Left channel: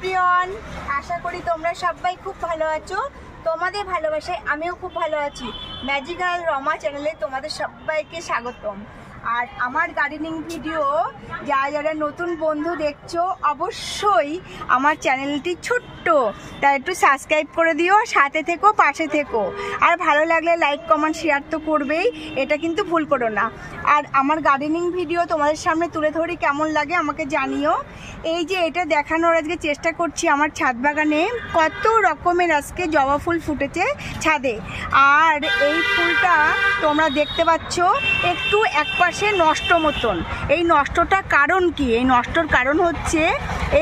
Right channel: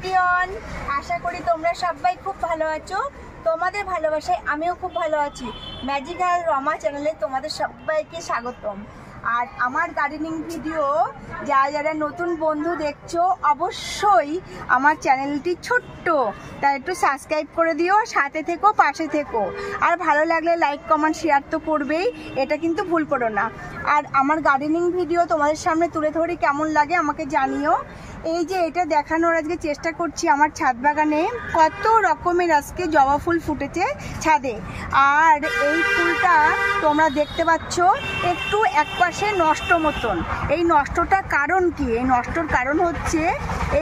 Everyone, আশা করি তোমরা সবাই খুব ভালো আছো। তোমাদের ভালোবাসায় আমিও খুব ভালো আছি। ম্যাজিক্যাল রমা চ্যানেলে তোমাদের সবাইকে স্বাগতম। আর আমার গার্ডেনিং ভিডিও যারা নতুন বন্ধু দেখছো, অবশ্যই আমার চ্যানেলটি ছোট্ট, তাই একটু সাবস্ক্রাইব করে দিও, সাথে থেকো, পাশে থেকো। আর ভালো লাগলে লাইক কমেন্ট শেয়ার তো করবেই, এটা কিন্তু ভুল করো না। আর আমার গার্ডেনিং ভিডিও তোমাদের সামনে তুলে ধরি, কেমন লাগে আমাকে জানিও। এই যে এটা দেখানোর আজকে চেষ্টা করছি, আমার ছাদ বাগানে কত রকমের আজকে জবা ফুল ফুটেছে ছাদে। আর এই ফুলটা তোমরা দেখতে পাচ্ছ একটু একপাশে নষ্ট মতন। এই নষ্টটা কারণ কি? এই নষ্টর কারণ হচ্ছে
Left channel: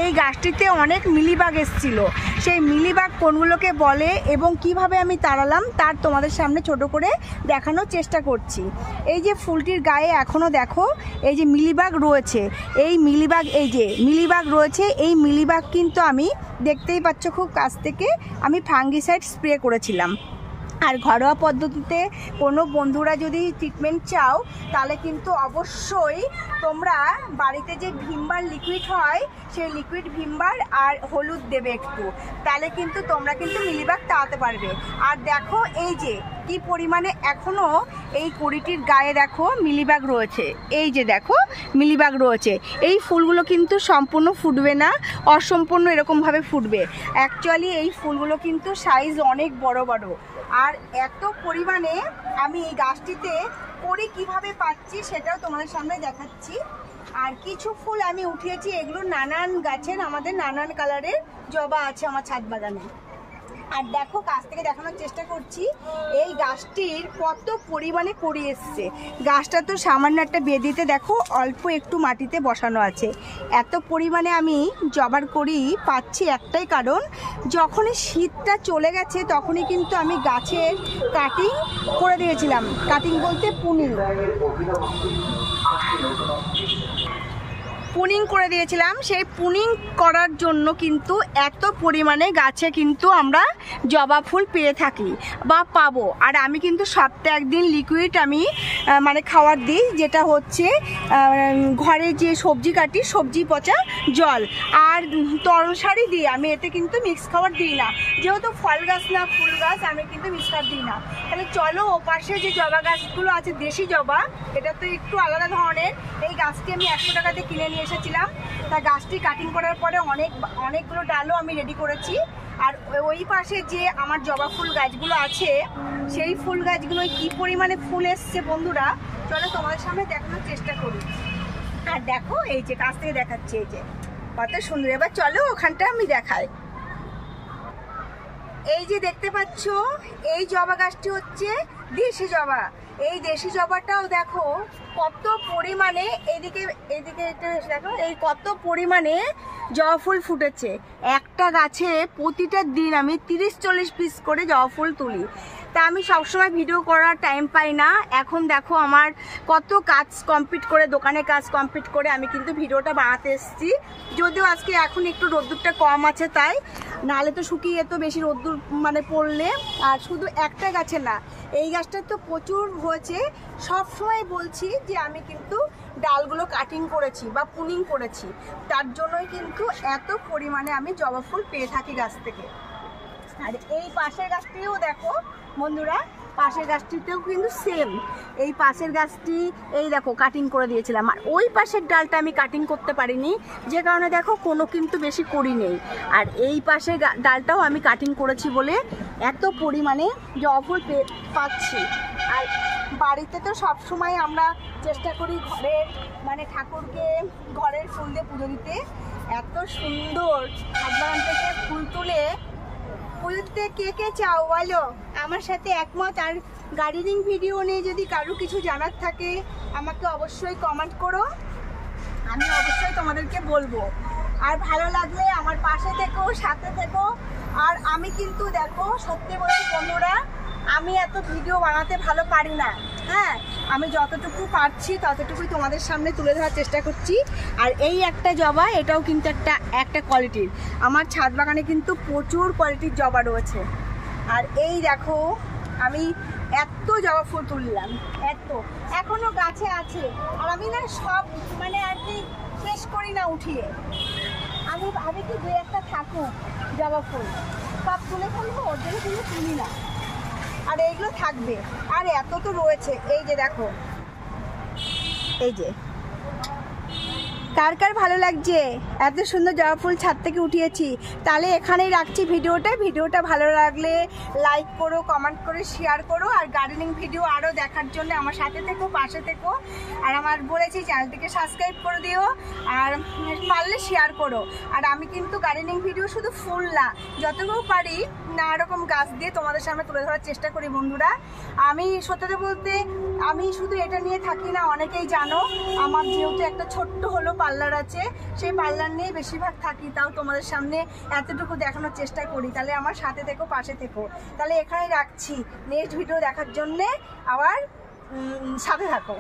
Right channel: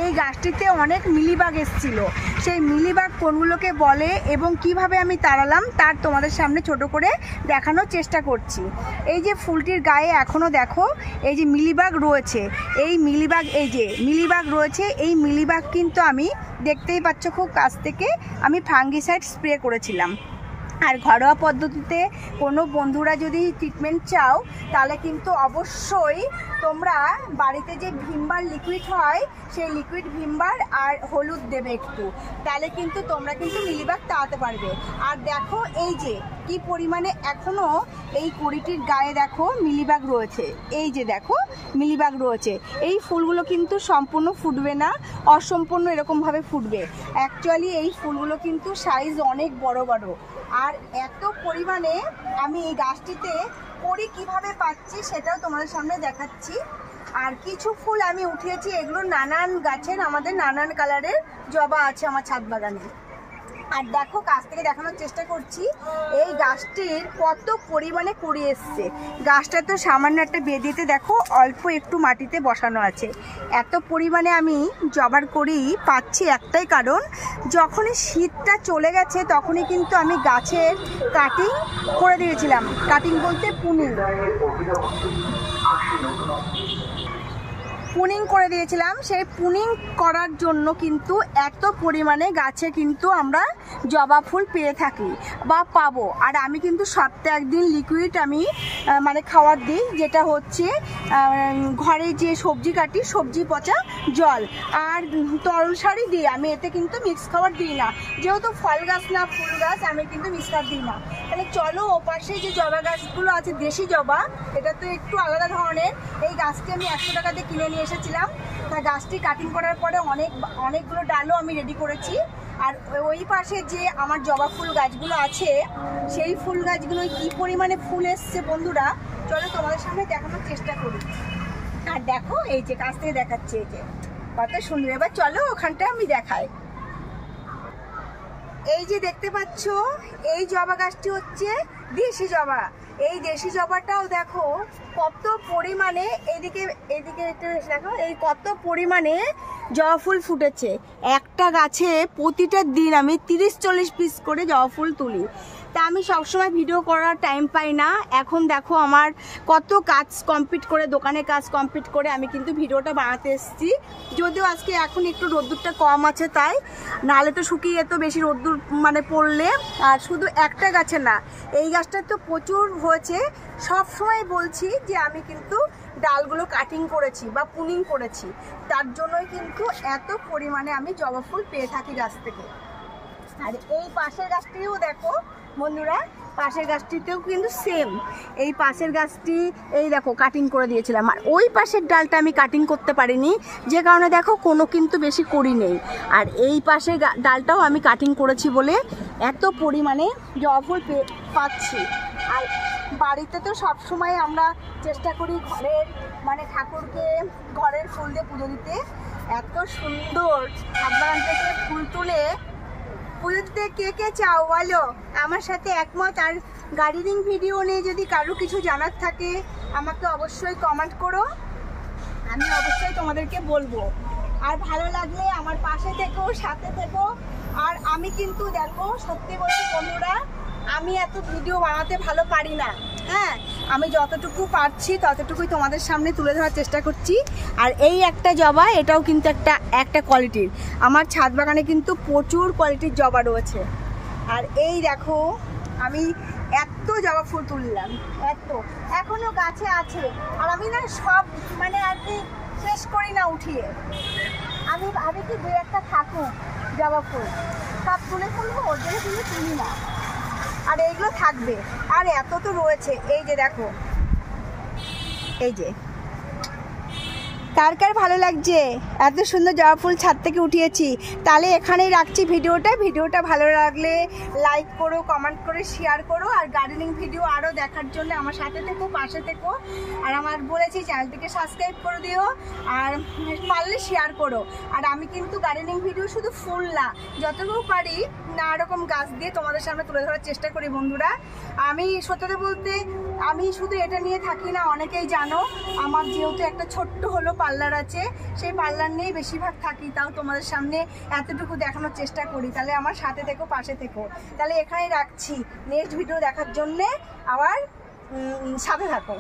এই গাছটিতে অনেক মিলিবাগ এসেছিল। সেই মিলিবাগ কোনগুলোকে বলে এবং কিভাবে আমি তাড়ালাম তার তোমাদের সামনে ছোট করে দেখানোর চেষ্টা করছি। এই যে ফুলটির গায়ে এখনও দেখো এই যে মিলিবাগ রয়েছে, এই মিলিবাগ, এই যে মিলিবাগ রয়েছে, এই মিলিবাগ কিন্তু আমি দেখতেই পাচ্ছ খুব কাছ থেকে আমি ফাঙ্গিসাইড স্প্রে করেছিলাম। আর ঘরোয়া পদ্ধতিতে কোনো বন্ধুরা যদি ট্রিটমেন্ট চাও তাহলে কিন্তু অবশ্যই তোমরা বাড়িতে যে ভিমবার লিকুইড হয় সেই লিকুইড ভিমবার আর হলুদ দেবে একটু, তাহলে কিন্তু তোমরা কিন্তু মিলিবাগ তাড়াতে পারবে। আর দেখো এই যে কি পরিমাণে এখনও এই কুড়িটির গায়ে দেখো মিলিবাগ রয়েছে, এই যে দেখো মিলিবাগ রয়েছে। এই ফুলগুলো কিন্তু সম্পূর্ণ ফুটবে না, অসম্পূর্ণ এরকমভাবে ফুটবে। অ্যাকচুয়ালি এই ফুলগুলো কিন্তু সাইজ অনেক বড় বড়। আর এত পরিমাণে আমি এই গাছটিতে করি কিভাবে পাচ্ছি সেটাও তোমাদের সামনে দেখাচ্ছি। আর কিছু ফুল আমি উঠিয়েছি, এগুলো নানান গাছের, আমাদের নানান কালারের জবা আছে আমার ছাদ বাগানে। আর দেখো কাছ থেকে দেখানোর চেষ্টা করছি এই গাছটির কত পরিমাণে কুড়ি এসছে। গাছটা তো সামান্য একটা বেদিতে দেখো অল্প একটু মাটিতে বসানো আছে। এত পরিমাণে আমি জবার করি পাচ্ছি একটাই কারণ, যখনই শীতটা চলে গেছে তখনই কিন্তু আমি গাছের কাটিং করে দিয়েছিলাম। কাটিং বলতে পুনিং করে দিয়েছিলাম। সেই পুনিং করার জন্য কিন্তু এত পরিমাণে গাছে কিন্তু আমরা জবা ফুল পেয়ে থাকি বা পাবো। আর আমি কিন্তু সপ্তাহে একদিন লিকুইড আমি মানে খাবার দিই, যেটা হচ্ছে ঘরে যে সবজি কাটি সবজি পচা জল আর তরল সারই দিই আমি, এতে কিন্তু মিক্স খাবার দিই না। যেহেতু ফল গাছ না ফুল গাছ, আমি কিন্তু মিক্স খাবার দিই না। তাহলে চলো ও পাশে যে জবা গাছগুলো আছে দেশি জবা, এটা তো একটু আলাদা ধরনের। এই গাছটি আমি 100 টাকা দিয়ে কিনে নিয়ে এসেছিলাম। তা গাছটি কাটিং করার পরে অনেকগুলো ডালও আমি রেডি করেছি। আর ওই পাশে যে আমার জবা ফুল গাছগুলো আছে সেই ফুল গাছগুলো কি পরিমাণে ফুল এসছে বন্ধুরা, চলো তোমাদের সামনে দেখানোর চেষ্টা করি। আর দেখো এই যে কাছ থেকে দেখাচ্ছি, এই যে কত সুন্দর। এবার চলো ওখানটা আমি দেখাই। এই যে দেখতে পাচ্ছ এই জবা গাছটি হচ্ছে দেশি জবা। এই দেশি জবাটাও দেখো কত পরিমাণে, এদিকে দেখো এই কত পরিমাণে জবা ফুল ফুটেছে। একটা গাছে প্রতিটা দিন আমি 30-40 পিস করে জবা ফুল তুলি। তা আমি সবসময় ভিডিও করার টাইম পাই না। এখন দেখো আমার কত কাজ কমপ্লিট করে, দোকানে কাজ কমপ্লিট করে আমি কিন্তু ভিডিওটা বানাতে এসেছি। যদিও আজকে এখন একটু রোদ্দুরটা কম আছে তাই, নাহলে তো শুকিয়ে যেত বেশি রোদ্দুর মানে পড়লে। আর শুধু একটা গাছে না, এই গাছটা তো প্রচুর হয়েছে। সবসময় বলছি যে আমি কিন্তু ডালগুলো কাটিং করেছি বা পুনিং করেছি, তার জন্যই কিন্তু এত পরিমাণে আমি জবা ফুল পেয়ে থাকি গাছ থেকে। আর এই পাশের গাছটিও দেখো বন্ধুরা, পাশের গাছটিতেও কিন্তু সেম। এই পাশের গাছটি এই দেখো কাটিং করে দিয়েছিলাম। আর ওই পাশের ডালটা আমি কাটিং করতে পারিনি, যে কারণে দেখো কোনো কিন্তু বেশি করি নেই। আর এই পাশের ডালটাও আমি কাটিং করেছি বলে এত পরিমাণে জবা ফুল পাচ্ছি। আর বাড়িতে তো সবসময় আমরা চেষ্টা করি ঘরের মানে ঠাকুরকে ঘরের ফুল দিয়ে পুজো দিতে। এত সুন্দর ছাদ বাগান থেকে ফুল তুলে পুজো দিতে কে কে চাও বলো, আমার সাথে একমত। আর গার্ডেনিং ভিডিও নিয়ে যদি কারো কিছু জানার থাকে আমাকে অবশ্যই কমেন্ট করো, আমি অবশ্যই তোমাদেরকে বলবো। আর ভালো লাগলে আমার পাশে থেকো, সাথে থেকো। আর আমি কিন্তু দেখো সত্যি বলছি বন্ধুরা, আমি এত ভিডিও বানাতে ভালো পারি না। হ্যাঁ, আমি যতটুকু পারছি ততটুকুই তোমাদের সামনে তুলে ধরার চেষ্টা করছি। আর এই একটা জবা, এটাও কিন্তু একটা কোয়ালিটির। আমার ছাদ বাগানে কিন্তু প্রচুর কোয়ালিটির জবা রয়েছে। আর এই দেখো আমি এত জবা ফুল তুললাম, এত এখনো গাছে আছে। আর আমি না সব মানে আর কি শেষ করি না উঠিয়ে, আমি ভাবি কি 2-1টা থাক থাকুক জবা ফুল, সব তুলে ফেলবো, ওর জন্য কিন্তু তুলি না। আর এইগুলো থাকবে, আর এত তো রয়েছে। এই যে দেখো, এই যে কার কার ভালো লাগছে এত সুন্দর জবা ফুল ছাদ থেকে উঠিয়েছি। তাহলে এখানেই রাখছি ভিডিওটা ভালো লাগলে লাইক করো, কমেন্ট করে শেয়ার করো। আর গার্ডেনিং ভিডিও আরও দেখার জন্য আমার সাথে থেকো, পাশে থেকো। আর আমার বলেছি চ্যানেলটিকে সাবস্ক্রাইব করে দিও, আর পারলে শেয়ার করো। আর আমি কিন্তু গার্ডেনিং ভিডিও শুধু ফুল না, যতটুকু পারি নানা রকম গাছ দিয়ে তোমাদের সামনে তুলে ধরার চেষ্টা করি বন্ধুরা। আমি সত্যি বলতে আমি শুধু এটা নিয়ে থাকি না, অনেকেই জানো আমার যেহেতু একটা ছোট্ট হলো পার্লার আছে, সেই পার্লার নিয়েই বেশিরভাগ থাকি। তাও তোমাদের সামনে এতটুকু দেখানোর চেষ্টা করি। তাহলে আমার সাথে থেকো, পাশে থেকো। তাহলে এখানে রাখছি, নেক্সট ভিডিও দেখার জন্যে আবার সাথে থাকো।